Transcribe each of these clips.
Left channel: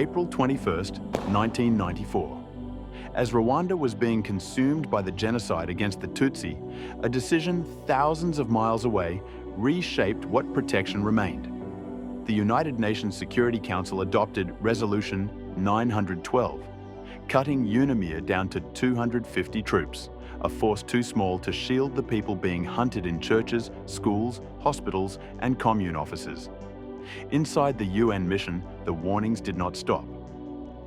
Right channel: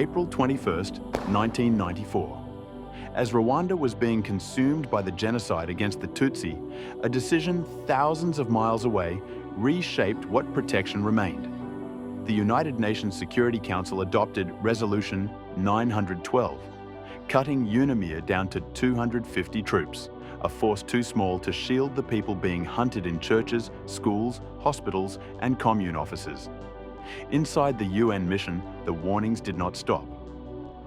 April 21, 1994. As Rwanda was being consumed by the genocide against the Tutsi, a decision thousands of miles away reshaped what protection remained. The United Nations Security Council adopted Resolution 912, cutting UNAMIR down to 250 troops, a force too small to shield the people being hunted in churches, schools, hospitals, and commune offices. Inside the UN mission, the warnings did not stop.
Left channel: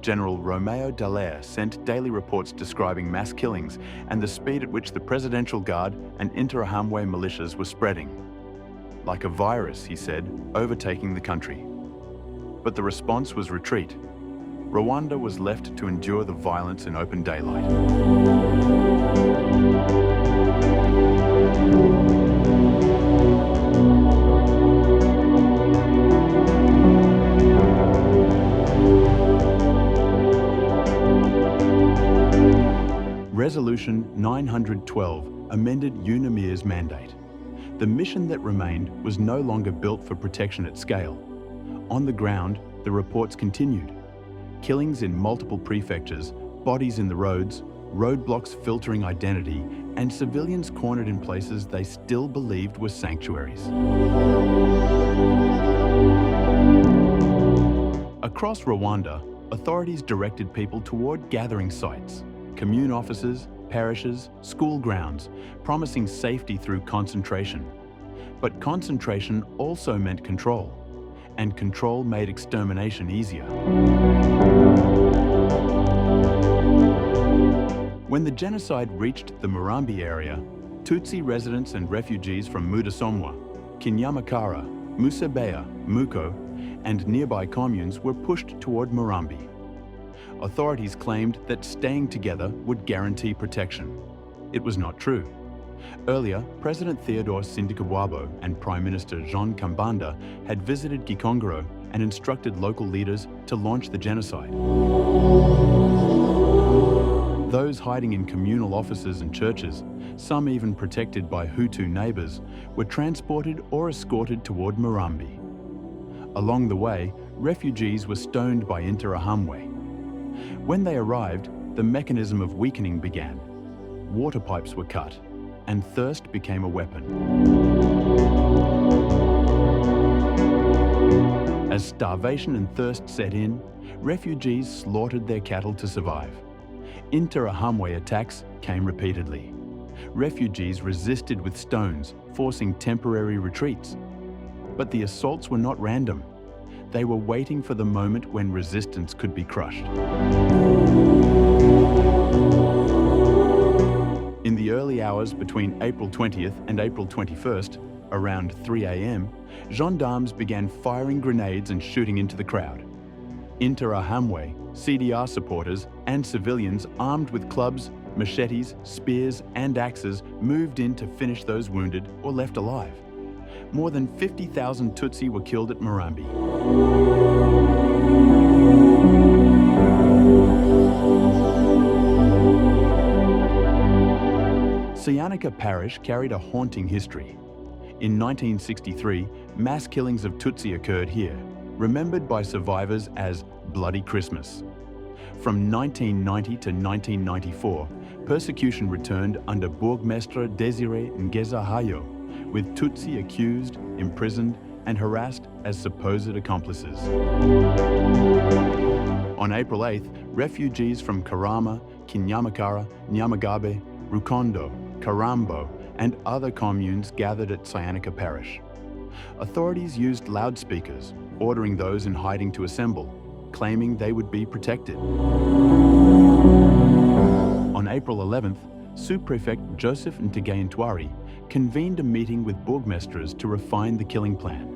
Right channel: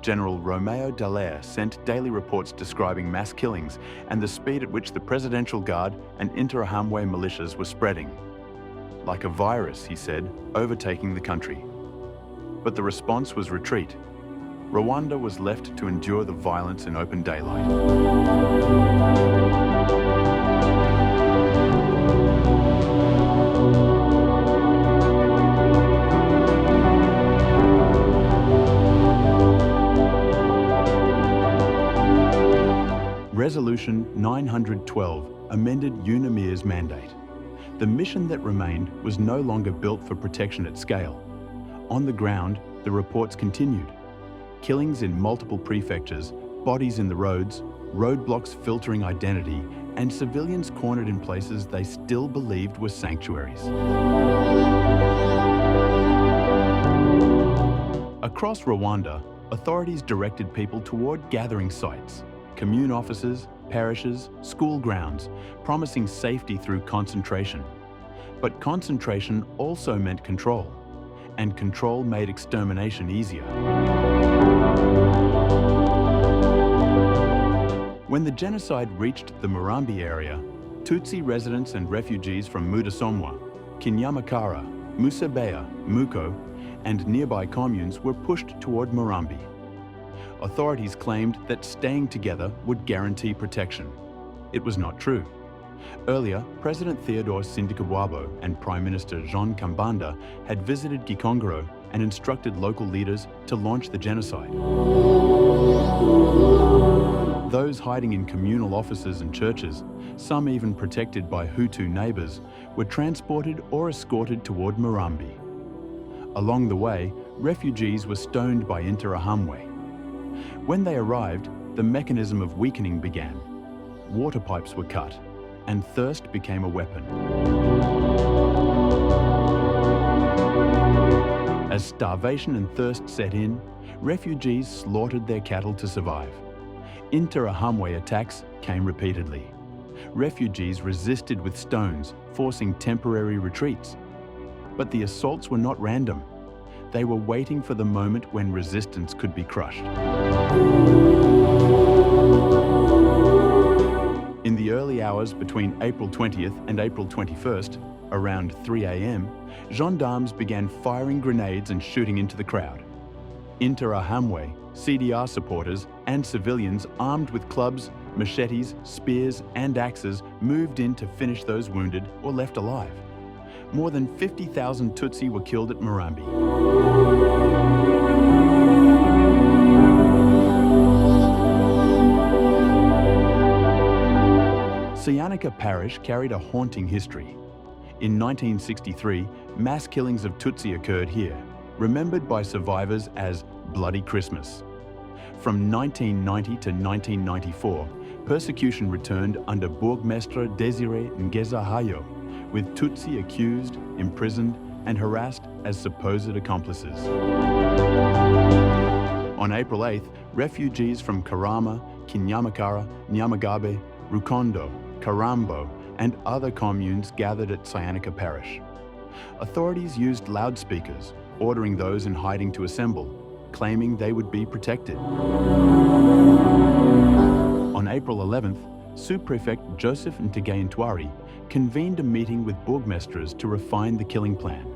General Romeo Dallaire sent daily reports describing mass killings and the speed at which the Presidential Guard and Interahamwe militias were spreading. Like a virus, he said, overtaking the country. But the response was retreat. Rwanda was left to endure the violence in open daylight. Resolution 912 amended UNAMIR's mandate. The mission that remained was no longer built for protection at scale. On the ground, the reports continued. Killings in multiple prefectures, bodies in the roads, roadblocks filtering identity, and civilians cornered in places they still believed were sanctuaries. Across Rwanda, authorities directed people toward gathering sites, commune offices, parishes, school grounds, promising safety through concentration. But concentration also meant control, and control made extermination easier. When the genocide reached the Murambi area, Tutsi residents and refugees from Mudasomwa, Kinyamakara, Musabeya, Muko, and nearby communes were pushed toward Murambi. Authorities claimed that staying together would guarantee protection. It was not true. Earlier, President Theodore Sindikubwabo and Prime Minister Jean Kambanda had visited Gikongoro and instructed local leaders to launch the genocide. Those hiding in communal offices and churches, some even protected by Hutu neighbors, were transported or escorted toward Murambi. Along the way, refugees were stoned by Interahamwe. When they arrived, the mechanism of weakening began. Water pipes were cut, and thirst became a weapon. As starvation and thirst set in, refugees slaughtered their cattle to survive. Interahamwe attacks came repeatedly. Refugees resisted with stones, forcing temporary retreats. But the assaults were not random. They were waiting for the moment when resistance could be crushed. In the early hours between April 20th and April 21st, around 3 a.m., gendarmes began firing grenades and shooting into the crowd. Interahamwe, CDR supporters, and civilians armed with clubs, machetes, spears, and axes moved in to finish those wounded or left alive. More than 50,000 Tutsi were killed at Murambi. Cyanika Parish carried a haunting history. In 1963, mass killings of Tutsi occurred here, remembered by survivors as Bloody Christmas. From 1990 to 1994, persecution returned under Bourgmestre Désiré Ngezahayo, with Tutsi accused, imprisoned, and harassed as supposed accomplices. On April 8th, refugees from Karama, Kinyamakara, Nyamagabe, Rukondo, Karambo, and other communes gathered at Cyanika Parish. Authorities used loudspeakers, ordering those in hiding to assemble, claiming they would be protected. On April 11th, Sous-Prefect Joseph Ntegayintwari convened a meeting with bourgmestres to refine the killing plan.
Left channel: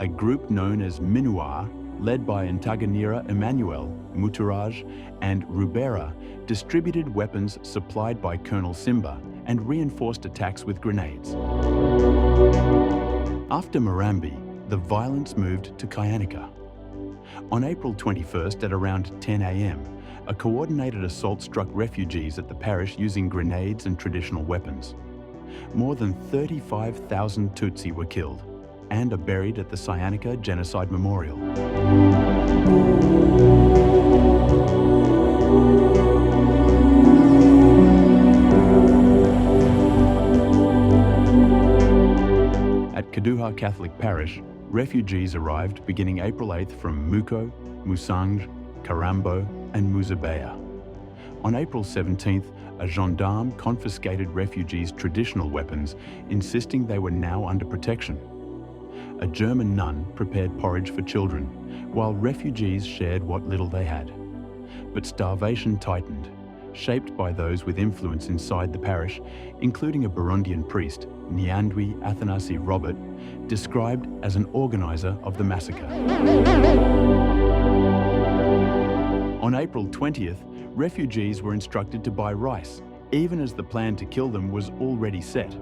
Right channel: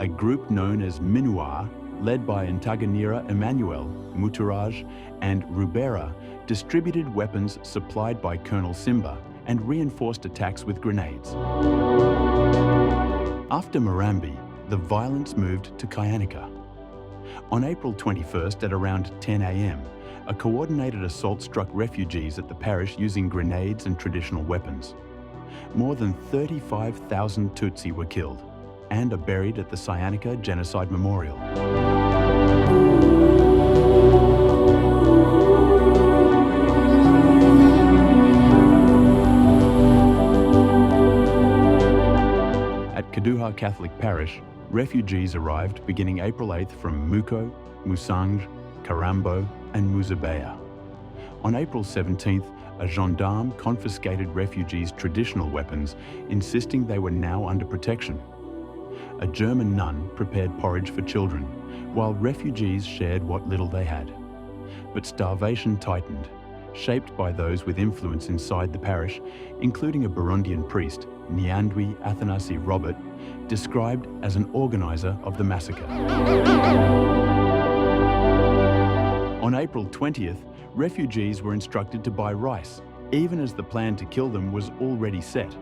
A group known as Minuar, led by Ntaganira Emmanuel, Muturaj, and Rubera, distributed weapons supplied by Colonel Simba and reinforced attacks with grenades. After Murambi, the violence moved to Cyanika. On April 21st at around 10 a.m., a coordinated assault struck refugees at the parish using grenades and traditional weapons. More than 35,000 Tutsi were killed and are buried at the Cyanika Genocide Memorial. At Kaduha Catholic Parish, refugees arrived beginning April 8th from Muko, Musange, Karambo and Muzabeya. On April 17th, a gendarme confiscated refugees' traditional weapons, insisting they were now under protection. A German nun prepared porridge for children, while refugees shared what little they had. But starvation tightened, shaped by those with influence inside the parish, including a Burundian priest, Nyandwi Athanasi Robert, described as an organizer of the massacre. On April 20th, refugees were instructed to buy rice, even as the plan to kill them was already set.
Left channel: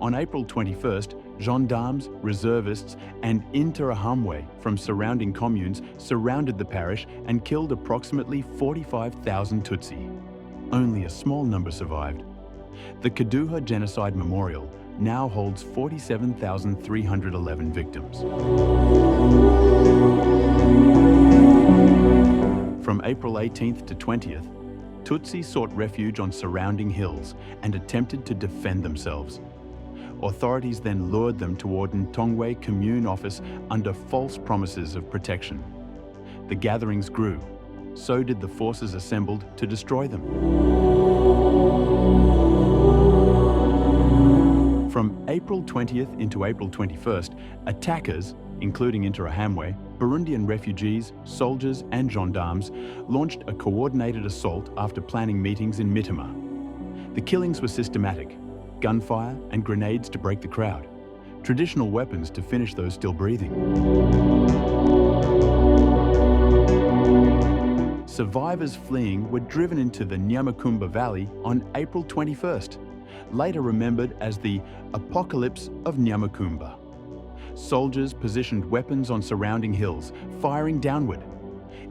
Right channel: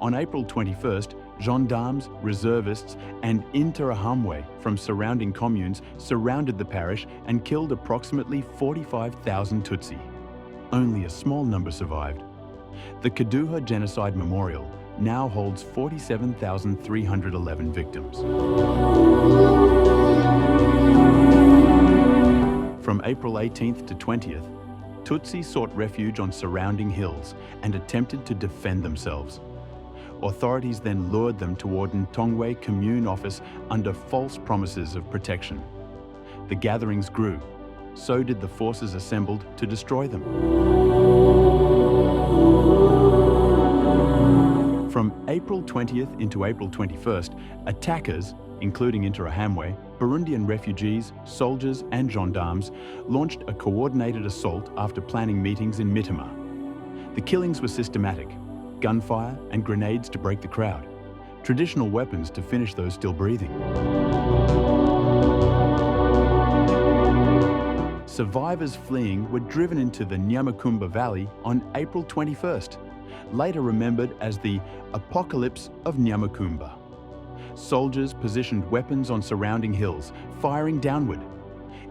On April 21st, gendarmes, reservists and Interahamwe from surrounding communes surrounded the parish and killed approximately 45,000 Tutsi. Only a small number survived. The Kaduha Genocide Memorial now holds 47,311 victims. From April 18th to 20th, Tutsi sought refuge on surrounding hills and attempted to defend themselves. Authorities then lured them toward Ntongwe Commune office under false promises of protection. The gatherings grew. So did the forces assembled to destroy them. From April 20th into April 21st, attackers, including Interahamwe, Burundian refugees, soldiers and gendarmes, launched a coordinated assault after planning meetings in Mitima. The killings were systematic: gunfire and grenades to break the crowd, traditional weapons to finish those still breathing. Survivors fleeing were driven into the Nyamukumba Valley on April 21st, later remembered as the Apocalypse of Nyamukumba. Soldiers positioned weapons on surrounding hills, firing downward.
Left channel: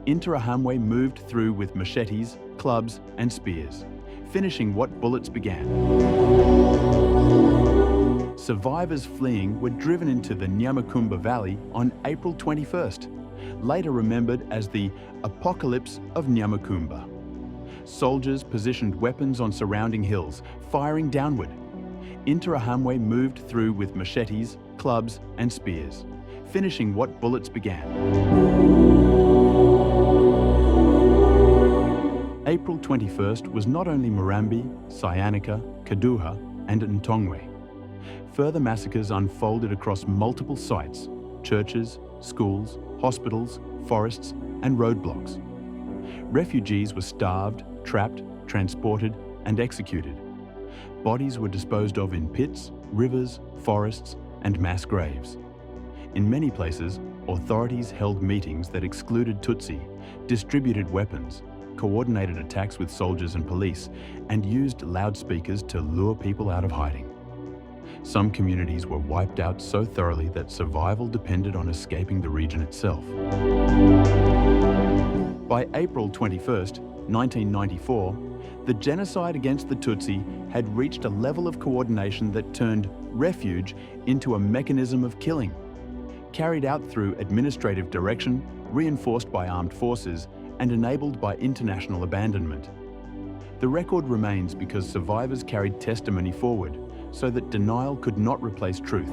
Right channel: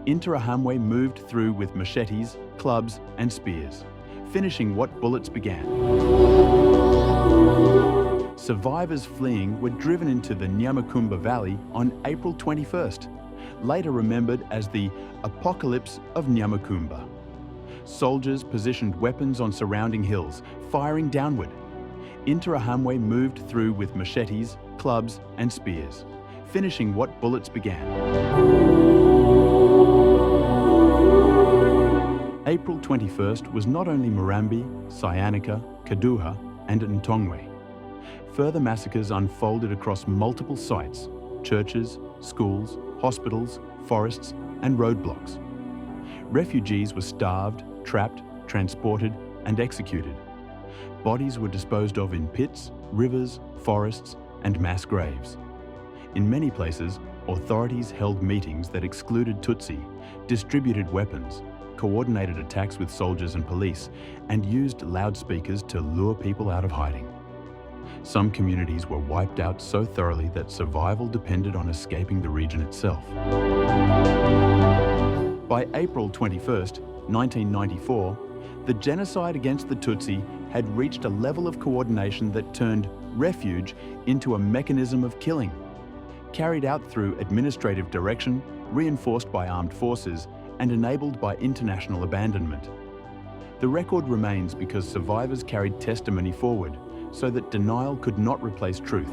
Interahamwe moved through with machetes, clubs and spears, finishing what bullets began. Survivors fleeing were driven into the Nyamukumba Valley on April 21st, later remembered as the Apocalypse of Nyamukumba. Soldiers positioned weapons on surrounding hills, firing downward. Interahamwe moved through with machetes, clubs and spears, finishing what bullets began. April 21st was not only Murambi, Cyanica, Kaduha and Ntongwe. Further massacres unfolded across multiple sites: churches, schools, hospitals, forests and roadblocks. Refugees were starved, trapped, transported and executed. Bodies were disposed of in pits, rivers, forests and mass graves. In many places, authorities held meetings that excluded Tutsi, distributed weapons, coordinated attacks with soldiers and police, and used loudspeakers to lure people out of hiding. Some communities were wiped out so thoroughly that survival depended on escaping the region itself. By April 21st, 1994, the genocide against the Tutsi had reached a level of coordination that turned refuge into a mechanism of killing, carried out through administrative direction, reinforced by armed forces, and enabled by international abandonment. The record remains because survivors carried testimony forward, so that denial could not replace truth.